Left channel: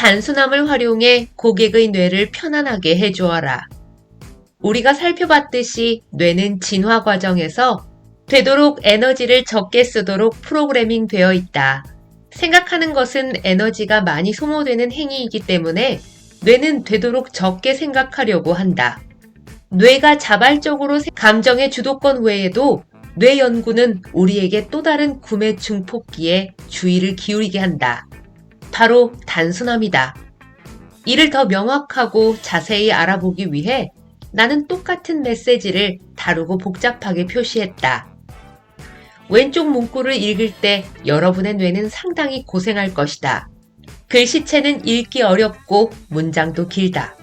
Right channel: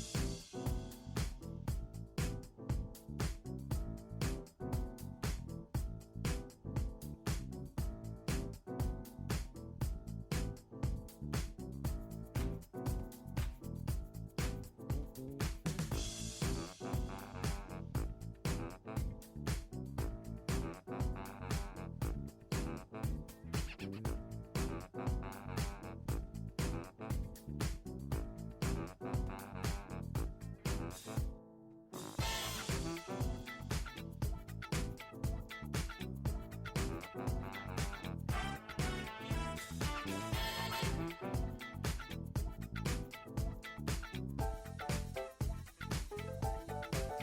단순함을 활용해 고객의 뇌를 편안하게 해주어라. 우리가 살펴봤듯이 뇌는 진화 과정에서 되도록 에너지를 적게 쓰도록 프로그래밍 되어 있다. 생각하는 것은 에너지가 많이 소모되는 행위이기 때문에 뇌는 되도록 적게 생각하려고 한다. 뇌가 자발적으로 감정의 주도권 외에도 뇌 연구는 우리에게 또 다른 구매 증폭기에 주의를 기울이게 한다. 바로 단순함이다. 이를 더 명확하고 자세히 알아보기 위해 나는 똑같은 메시지를 다르고 복잡하게 표시했다. 왼쪽 문구를 읽을 때 여러분의 뇌는 상당히 고생할 것이다. 글씨체는 읽기 어렵고 문장도 길다.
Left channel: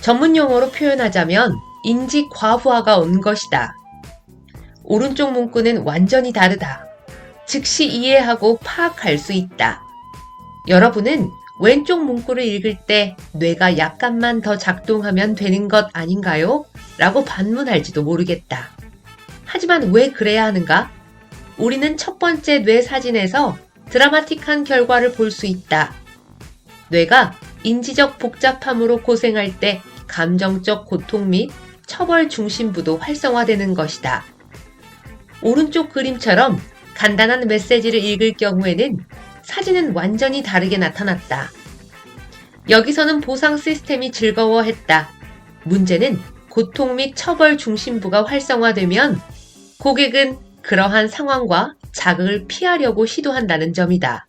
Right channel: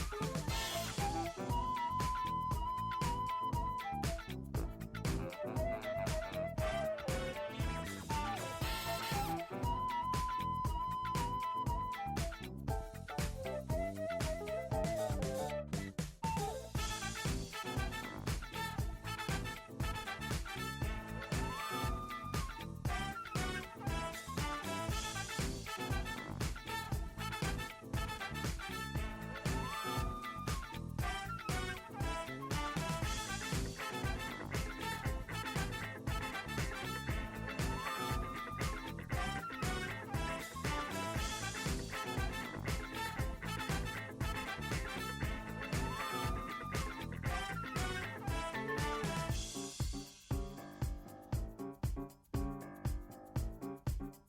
전문 용어로 표현하자면 인지 과부하가 온 것이다. 오른쪽 문구는 완전히 다르다. 즉시 이해하고 파악할 수 있다. 여러분은 왼쪽 문구를 읽을 때 뇌가 약간만 더 작동하면 되는 것 아닌가요? 라고 반문할지도 모르겠다. 하지만 왜 그래야 하는가? 우리는 첫 번째 뇌 사진에서 드라마틱한 결과를 볼 수 있다. 뇌가 인지적 복잡함으로 고생할 때 감정적 고통 및 처벌 중심부도 활성화되는 것이다. 오른쪽 그림처럼 간단한 메시지를 읽을 경우에는 사진은 완전히 다르게 나타났다. 여기서는 보상 시스템이 즐거워했다. 문제는 고통 및 처벌 중심부가 활성화되면 고객은 그러한 상황과 자극을 피하려고 시도한다는 점이다.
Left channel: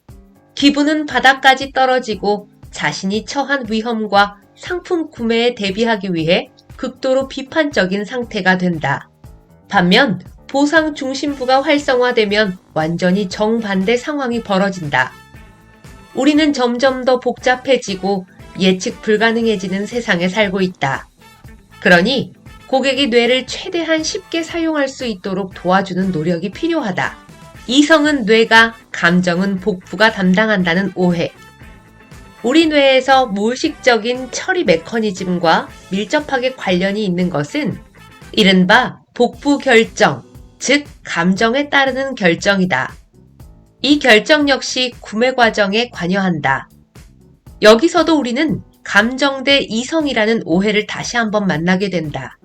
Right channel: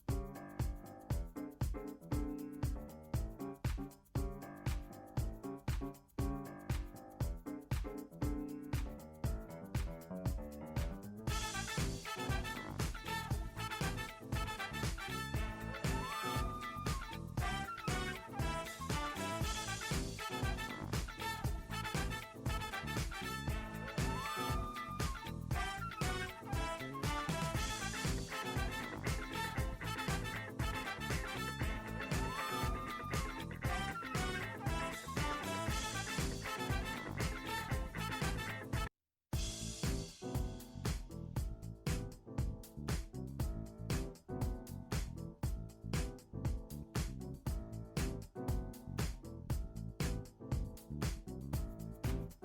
기분은 바닥까지 떨어지고 자신이 처한 위험과 상품 구매에 대비하기 위해 극도로 비판적인 상태가 된다. 반면 보상 중심부가 활성화되면 완전히 정반대 상황이 벌어진다. 우리는 점점 더 복잡해지고 예측 불가능해지는 세상에 살고 있다. 그러니 고객이 뇌를 최대한 쉽게 사용할 수 있도록 도와주는 노력이 필요하다. 이성은 뇌가, 감정은 복부가 담당한다는 오해. 우리 뇌에서 무의식적인 처리 메커니즘과 밀접하게 관련이 있는 것은 이른바 복부 결정, 즉 감정에 따르는 결정이다. 이 결정 역시 구매 과정에 관여한다. 여기서도 우리는 감정 대 이성이라는 오해를 다시 한번 만나게 된다.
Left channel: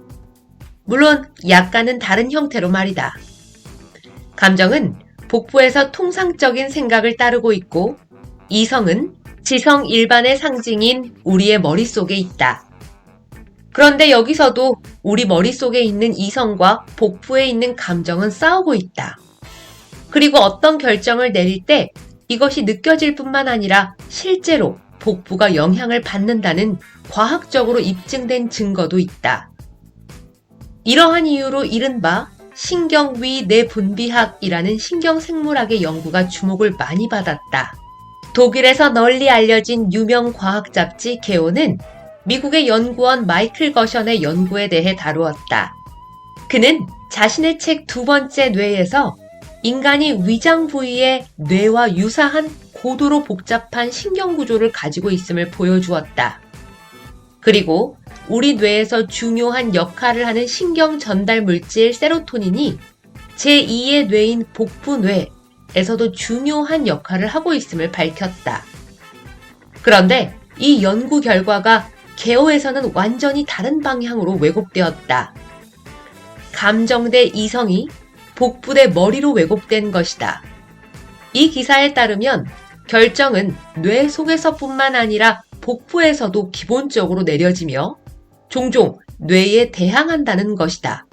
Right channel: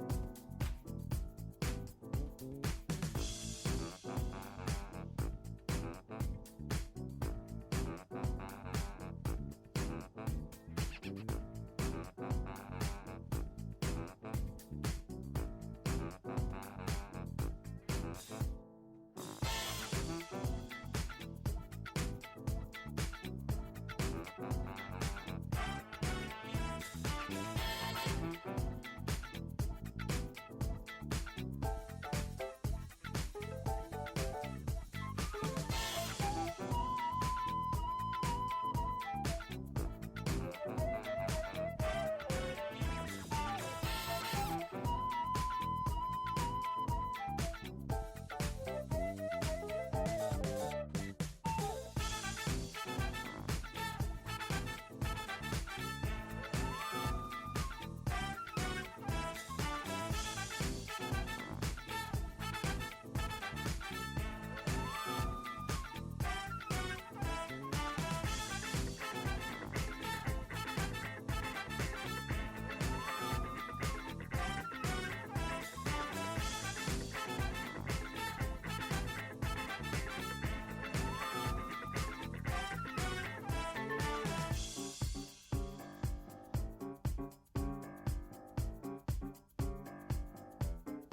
물론 약간은 다른 형태로 말이다. 감정은 복부에서 통상적인 생각을 따르고 있고 이성은 지성 일반의 상징인 우리의 머릿속에 있다. 그런데 여기서도 우리 머릿속에 있는 이성과 복부에 있는 감정은 싸우고 있다. 그리고 어떤 결정을 내릴 때 이것이 느껴질 뿐만 아니라 실제로 복부가 영향을 받는다는 과학적으로 입증된 증거도 있다. 이러한 이유로 이른바 신경위 내분비학이라는 신경생물학의 연구가 주목을 많이 받았다. 독일에서 널리 알려진 유명 과학 잡지 개요는 미국의 연구원 마이클 거션의 연구에 대해 다루었다. 그는 자신의 책 두 번째 뇌에서 인간이 위장 부위의 뇌와 유사한 고도로 복잡한 신경구조를 가지고 있음을 보여주었다. 그리고 우리 뇌에서 중요한 역할을 하는 신경 전달 물질 세로토닌이 제2의 뇌인 복부뇌에서도 중요한 역할을 하고 있음을 밝혔다. 그런데 이 연구 결과가 개요에서는 완전히 다른 방향으로 왜곡되었다. 감정 대 이성이 복부 대 머리로 왜곡된 것이다. 이 기사에 따르면 결정은 뇌 속에서뿐만 아니라 복부에서도 기본적으로 내려지며 종종 뇌에 대항한다는 것이다.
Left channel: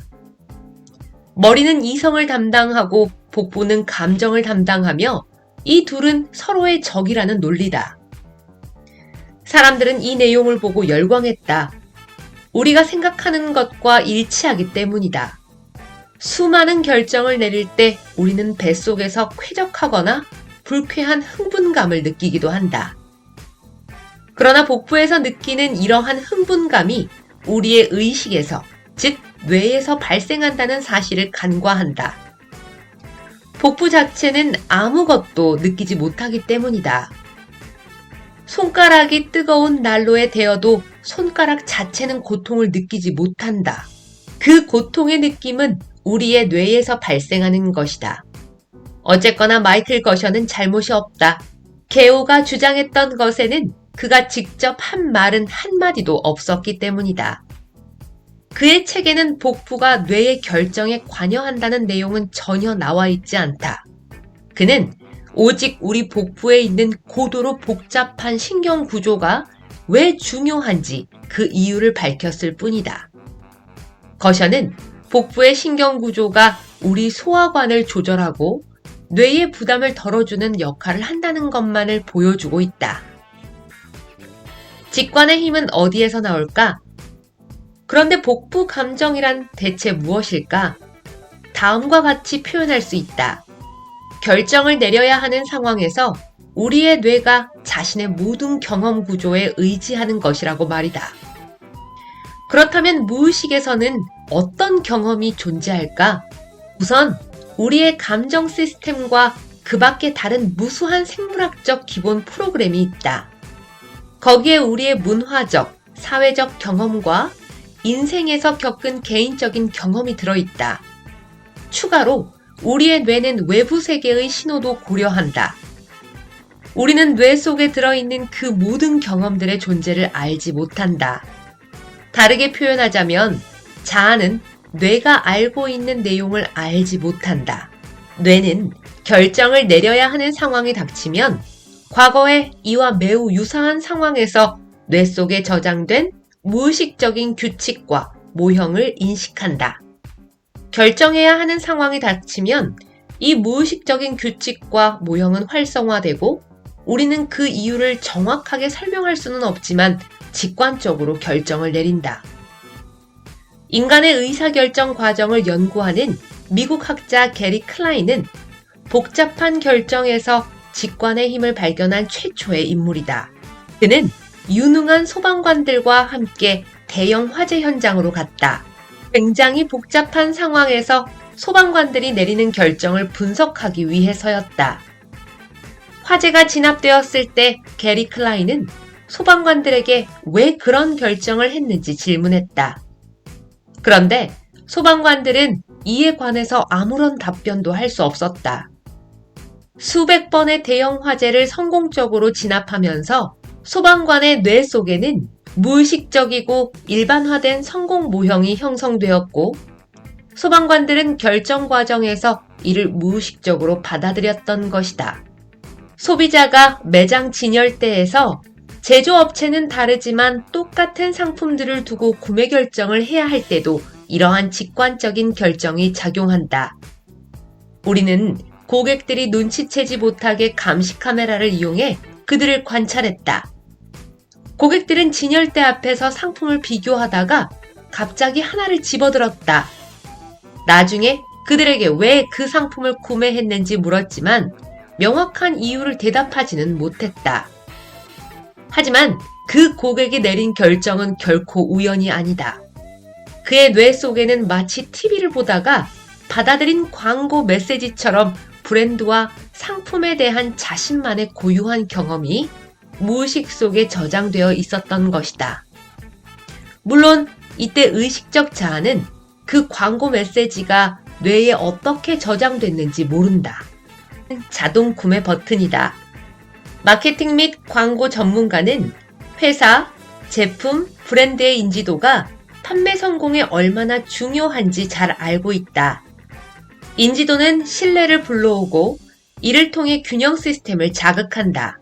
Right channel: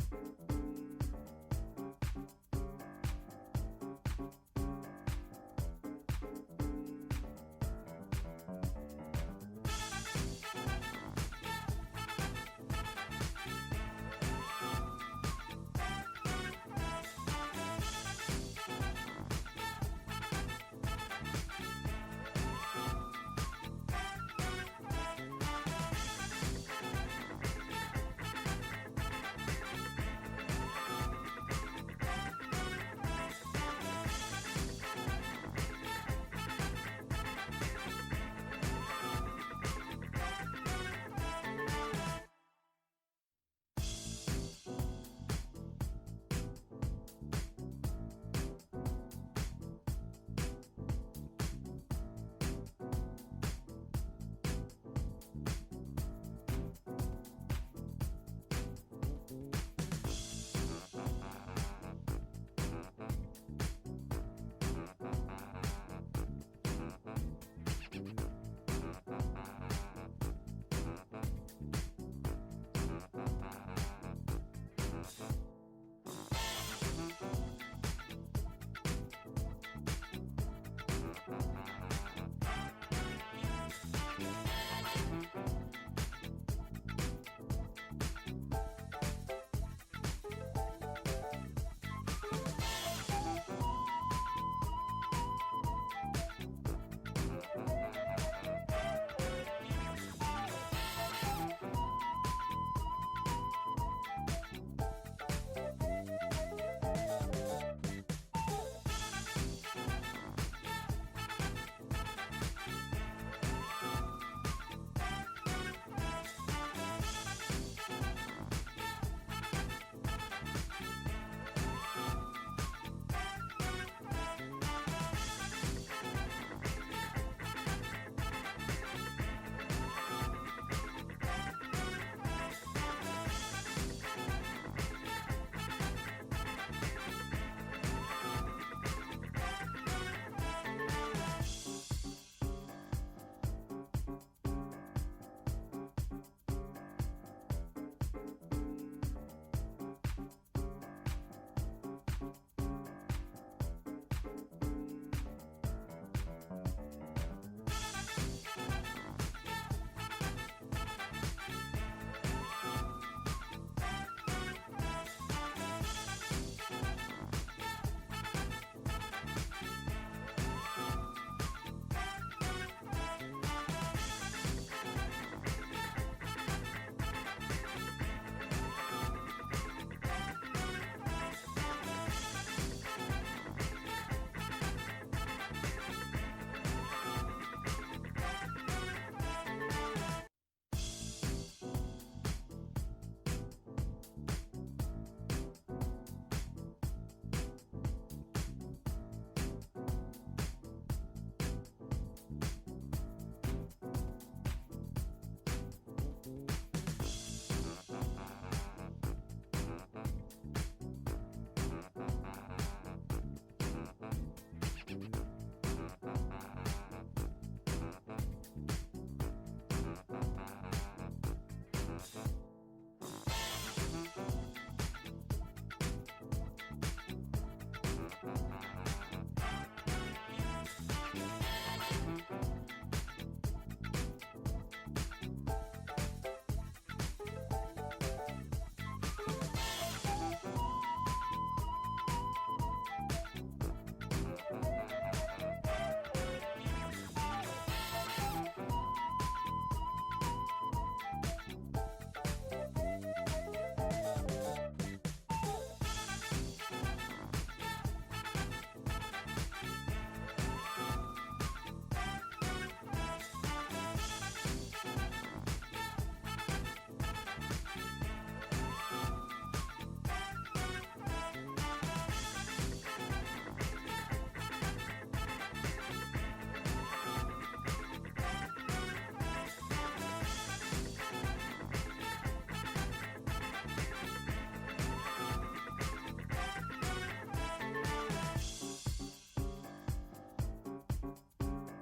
머리는 이성을 담당하고 복부는 감정을 담당하며 이 둘은 서로의 적이라는 논리다. 사람들은 이 내용을 보고 열광했다. 우리가 생각하는 것과 일치하기 때문이다. 수많은 결정을 내릴 때 우리는 뱃속에서 쾌적하거나 불쾌한 흥분감을 느끼기도 한다. 그러나 복부에서 느끼는 이러한 흥분감이 우리의 의식에서, 즉 뇌에서 발생한다는 사실을 간과한다. 복부 자체는 아무것도 느끼지 못하기 때문이다. 손가락이 뜨거운 난로에 데어도 손가락 자체는 고통을 느끼지 못한다. 그 고통의 느낌은 우리의 뇌에서 발생하는 것이다. 어쨌거나 마이클 거션은 잘못이 없다. 개요가 주장했던 것에는 그가 직접 한 말은 한마디도 없었기 때문이다. 그의 책에는 복부가 뇌의 결정에 관여한다는 내용은 전혀 나와 있지 않다. 그는 오직 우리 복부에 있는 고도로 복잡한 신경 구조가 왜 중요한지 그 이유를 밝혔을 뿐이다. 거셔는 복부의 신경 구조가 우리 소화관을 조절하고 뇌의 부담을 덜어주는 역할을 한다는 것만을 보여주고 있다. 직관의 힘은 어디에서 나올까? 그런데 복부 감정이란 대체 무엇일까? 다음과 같이 표현할 수 있다. 결정을 내려야 하는 상황에서 우리의 뇌가 자신의 모든 경험 구조에 의지하는 것이라고 말이다. 그렇다면 무의식에서는 어떤 경험이 존재할까? 우선 우리의 감정 시스템과 그 밖에 다른 무수한 생물학적 기본 프로그램이 있다. 거기에 우리의 문화적, 사회적 경험과 인생에서 겪은 개인적인 경험이 들어있다. 추가로 우리의 뇌는 외부 세계의 신호도 고려한다. 우리는 뇌 속에 들어있는 그 모든 경험들의 존재를 알지 못한다. 다르게 표현하자면 자아는 뇌가 알고 있는 내용을 알지 못한다. 뇌는 결정을 내려야 하는 상황이 닥치면 과거에 이와 매우 유사한 상황에서 뇌 속에 저장된 무의식적인 규칙과 모형을 인식한다. 결정해야 하는 상황이 닥치면 이 무의식적인 규칙과 모형은 활성화되고 우리는 그 이유를 정확하게 설명할 수는 없지만 직관적으로 결정을 내린다. 인간의 의사결정 과정을 연구하는 미국 학자 게리 클라인은 복잡한 결정에서 직관의 힘을 발견한 최초의 인물이다. 그는 유능한 소방관들과 함께 대형 화재 현장으로 갔다. 굉장히 복잡한 상황에서 소방관들이 내리는 결정을 분석하기 위해서였다. 화재가 진압되었을 때 게리 클라인은 소방관들에게 왜 그런 결정을 했는지 질문했다. 그런데 소방관들은 이에 관해서 아무런 답변도 할 수 없었다. 수백 번의 대형 화재를 성공적으로 진압하면서 소방관의 뇌 속에는 무의식적이고 일반화된 성공 모형이 형성되었고 소방관들은 결정 과정에서 이를 무의식적으로 받아들였던 것이다. 소비자가 매장 진열대에서 제조업체는 다르지만 똑같은 상품들을 두고 구매 결정을 해야 할 때도 이러한 직관적인 결정이 작용한다. 우리는 고객들이 눈치채지 못하게 감시 카메라를 이용해 그들을 관찰했다. 고객들은 진열대 앞에서 상품을 비교하다가 갑자기 하나를 집어들었다. 나중에 그들에게 왜 그 상품을 구매했는지 물었지만 명확한 이유를 대답하지는 못했다. 하지만 그 고객이 내린 결정은 결코 우연이 아니다. 그의 뇌 속에는 마치 TV를 보다가 받아들인 광고 메시지처럼 브랜드와 상품에 대한 자신만의 고유한 경험이 무의식 속에 저장되어 있었던 것이다. 물론 이때 의식적 자아는 그 광고 메시지가 뇌에 어떻게 저장됐는지 모른다. 자동 구매 버튼이다. 마케팅 및 광고 전문가는 회사, 제품, 브랜드의 인지도가 판매 성공에 얼마나 중요한지 잘 알고 있다. 인지도는 신뢰를 불러오고 이를 통해 균형 시스템을 자극한다.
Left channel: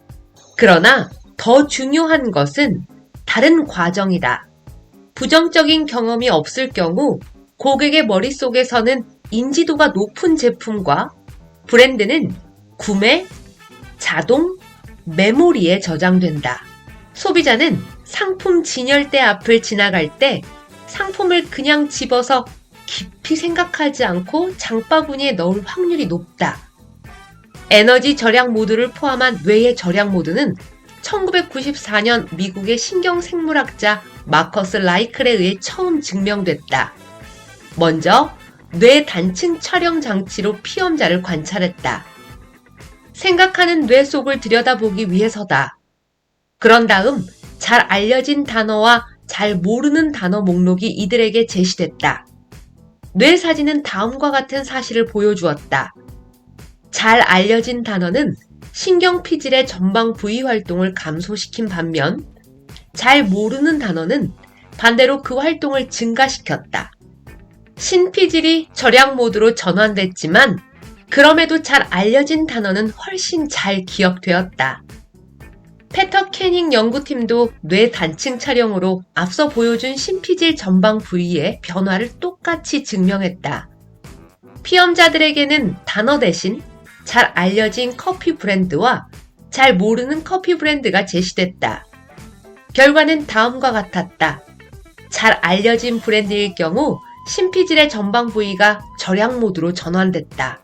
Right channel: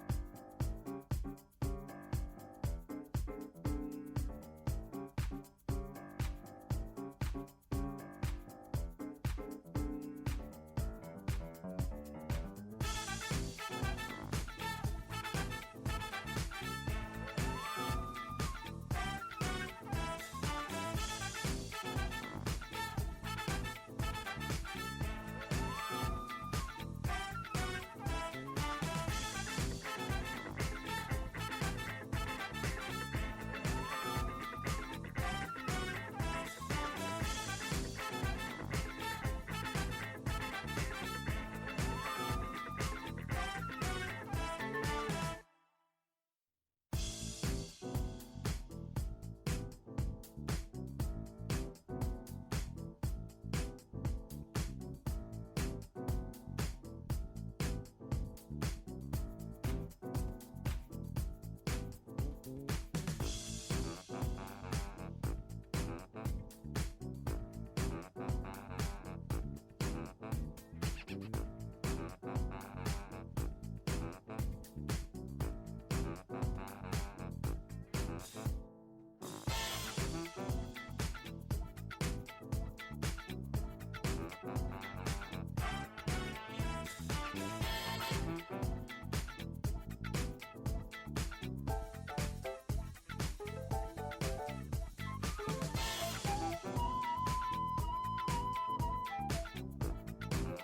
그러나 더 중요한 것은 다른 과정이다. 부정적인 경험이 없을 경우 고객의 머릿속에서는 인지도가 높은 제품과 브랜드는 구매, 자동, 메모리에 저장된다. 소비자는 상품 진열대 앞을 지나갈 때 상품을 그냥 집어서 깊이 생각하지 않고 장바구니에 넣을 확률이 높다. 에너지 절약 모드를 포함한 뇌의 절약 모드는 1994년 미국의 신경생물학자 마커스 라이클에 의해 처음 증명됐다. 먼저 뇌 단층 촬영 장치로 피험자를 관찰했다. 생각하는 뇌 속을 들여다보기 위해서다. 그런 다음 잘 알려진 단어와 잘 모르는 단어 목록이 이들에게 제시됐다. 뇌 사진은 다음과 같은 사실을 보여주었다. 잘 알려진 단어는 신경피질의 전방 부위 활동을 감소시킨 반면 잘 모르는 단어는 반대로 그 활동을 증가시켰다. 신피질이 절약 모드로 전환됐지만 그럼에도 잘 알려진 단어는 훨씬 잘 기억되었다. 페터 캐닝 연구팀도 뇌 단층 촬영으로 앞서 보여준 신피질 전방 부위의 변화를 똑같이 증명했다. 피험자들에게는 단어 대신 잘 알려진 커피 브랜드와 잘 모르는 커피 브랜드가 제시됐다. 결과는 다음과 같았다. 잘 알려진 브랜드일 경우 신피질의 전방 부위가 절약 모드로 전환됐다.